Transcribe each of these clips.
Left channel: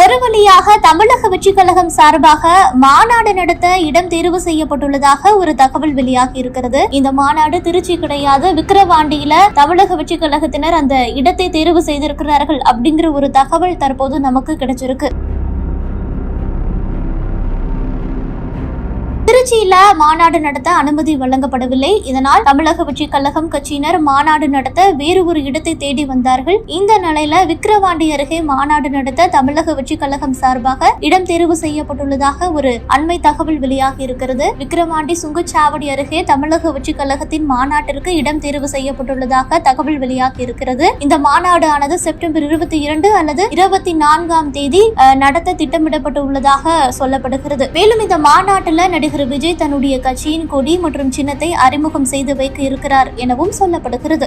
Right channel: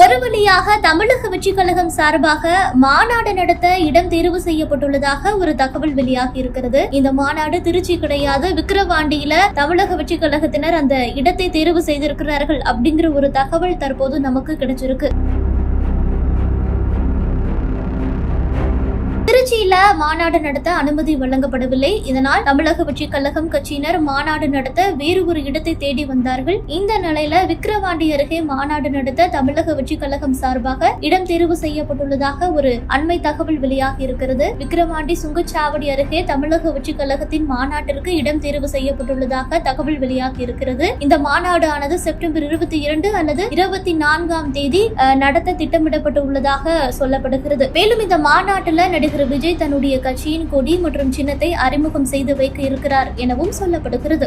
ஒரு வழியாக தமிழக வெற்றி கழகம் சார்பாக மாநாடு நடத்த இடம் தேர்வு செய்யப்பட்டுள்ளதாக ஒரு தகவல் வெளியாகி இருக்கிறது. இந்த மாநாடு திருச்சி கிடையாது. விக்கிரவாண்டியில தமிழக வெற்றி கழகத்தினர் அந்த இடத்தை தேர்வு செய்திருக்கிறார்கள் அப்படிங்கிற ஒரு தகவல் தற்போது நமக்கு கிடைச்சிருக்கு. திருச்சியில மாநாடு நடத்த அனுமதி வழங்கப்படவில்லை. இதனால் தமிழக வெற்றி கழகம் கட்சியினர் மாநாடு நடத்த வேறு ஒரு இடத்தை தேடி வந்தார்கள். இந்த நிலையில விக்கிரவாண்டி அருகே மாநாடு நடத்த தமிழக வெற்றி கழகம் சார்பாக இடம் தேர்வு செய்யப்பட்டுள்ளதாக ஒரு அண்மை தகவல் வெளியாகி இருக்கிறது. விக்கிரவாண்டி சுங்கச்சாவடி அருகே தமிழக வெற்றி கழகத்தின் மாநாட்டிற்கு இடம் தேர்வு செய்யப்பட்டுள்ளதாக தகவல் வெளியாகி இருக்கிறது. இந்த மாநாடு ஆனது செப்டம்பர் இருபத்தி இரண்டு அல்லது இருபத்தி நான்காம் தேதி நடத்த திட்டமிடப்பட்டு உள்ளதாக சொல்லப்படுகிறது. மேலும் இந்த மாநாட்டில் நடிகர் விஜய் தன்னுடைய கட்சியின் கொடி மற்றும் சின்னத்தை அறிமுகம் செய்து வைக்க இருக்கிறார் எனவும் சொல்லப்படுகிறது.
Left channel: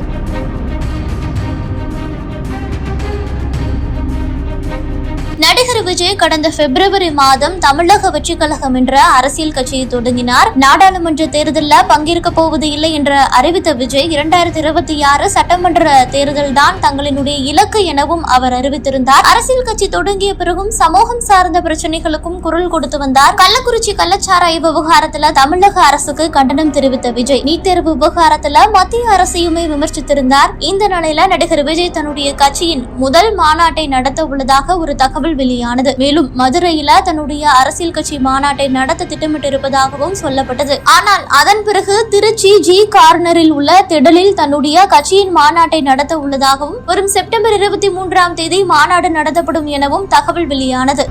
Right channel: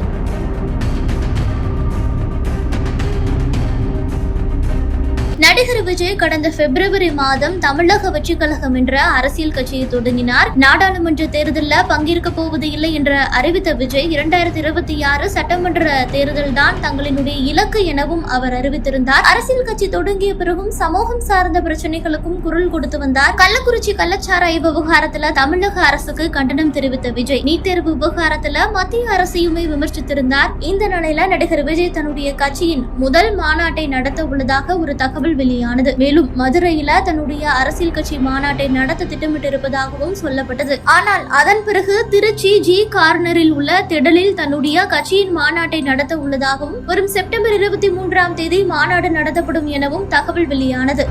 விஜய் கடந்த பிப்ரவரி மாதம் தமிழக வெற்றி கழகம் என்ற அரசியல் கட்சியை தொடங்கினார். நாடாளுமன்ற தேர்தலில் பங்கேற்க போவது இல்லை என்று அறிவித்த விஜய் இரண்டாயிரத்தி இருபத்தி ஆறு சட்டமன்ற தேர்தல் தான் தங்களினுடைய இலக்கு எனவும் அவர் அறிவித்திருந்தார். அரசியல் கட்சி தொடங்கிய பிறகும் சமூகம் சார்ந்த பிரச்சனைகளுக்கும் குரல் கொடுத்து வந்தார். கள்ளக்குறிச்சி கள்ளச்சாராய விவகாரத்துல தமிழக அரசுக்கு கண்டனம் தெரிவித்த விஜய் நீட் தேர்வு விவகாரத்துல மத்திய அரசையுமே விமர்சித்திருந்தார். இந்த நிலையில நடிகர் விஜய் தன்னுடைய கட்சியின் முதல் மாநாட்டை நடத்த உள்ளதாக ஒரு தகவல் வெளியானது. மேலும் மதுரையில தன்னுடைய அரசியல் கட்சி மாநாட்டை நடத்த திட்டமிட்டிருப்பதாகவும் சொல்லப்பட்டது. ஆனால் அதன் பிறகு திருச்சி ஜி கார்னரில் உள்ள திடலில் தன்னுடைய கட்சியின் மாநாட்டை நடத்த உள்ளதாகவும் வரும் செப்டம்பர் இருபத்தி மூன்றாம் தேதி மாநாடு நடத்தப்படும் எனவும் தகவல் வெளியானது.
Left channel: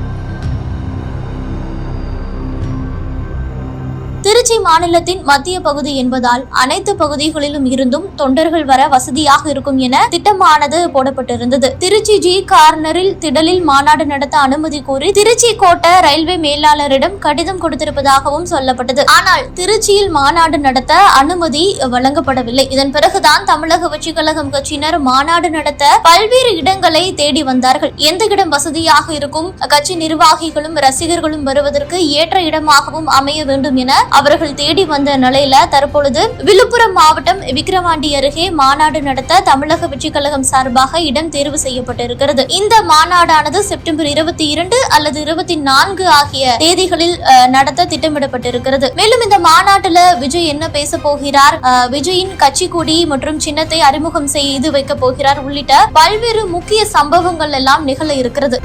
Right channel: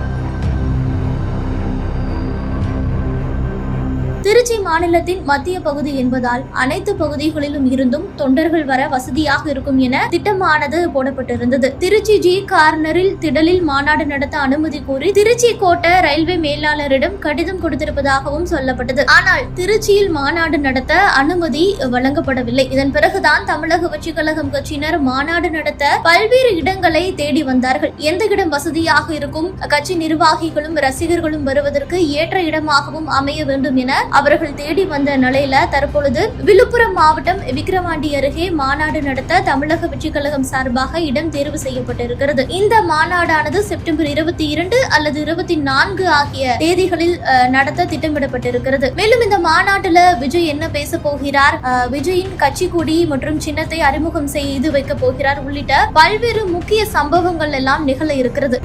திருச்சி மாநிலத்தின் மத்திய பகுதி என்பதால் அனைத்து பகுதிகளிலும் இருந்தும் தொண்டர்கள் வர வசதியாக இருக்கும் என திட்டமானது போடப்பட்டிருந்தது. திருச்சி ஜி கார்னரில் திடலில் மாநாடு நடத்த அனுமதி கோரி திருச்சி கோட்ட ரயில்வே மேலாளரிடம் கடிதம் கொடுத்திருப்பதாகவும் சொல்லப்பட்டது. ஆனால் திருச்சியில் மாநாடு நடத்த அனுமதி வழங்கப்படவில்லை. இதன் பிறகுதான் தமிழக வெற்றி கழகம் கட்சியினர் மாநாடு நடத்த பல்வேறு இடங்களை தேடி வந்தார்கள். எந்த இடம் வசதியாக இருக்கும்? கட்சி நிர்வாகிகளும் ரசிகர்களும் வருவதற்கு ஏற்ற இடமாகவும் அமைய வேண்டும் என அவர்கள் தேடி வந்த நிலையில தற்பொழுது விழுப்புரம் மாவட்டம் விக்கிரவாண்டி அருகே மாநாடு நடத்த தமிழக வெற்றி கழகம் சார்பாக இடம் தேர்வு செய்யப்பட்டிருக்கிறது. இந்த மாநாடானது செப்டம்பர் இருபத்தி இரண்டு அல்லது இருபத்தி நான்கு ஆகிய தேதிகளில் நடத்த திட்டமிடப்பட்டிருக்கிறது. மேலும் இந்த மாநாட்டுல விஜய் என்ன பேச போகிறார் விஜயின் கட்சி கொடி மற்றும் சின்னத்தை அறிமுகம் செய்து வைக்க போகிறார் உள்ளிட்ட பல்வேறு முக்கிய சம்பவங்கள் எல்லாம் நிகழ இருக்கிறது.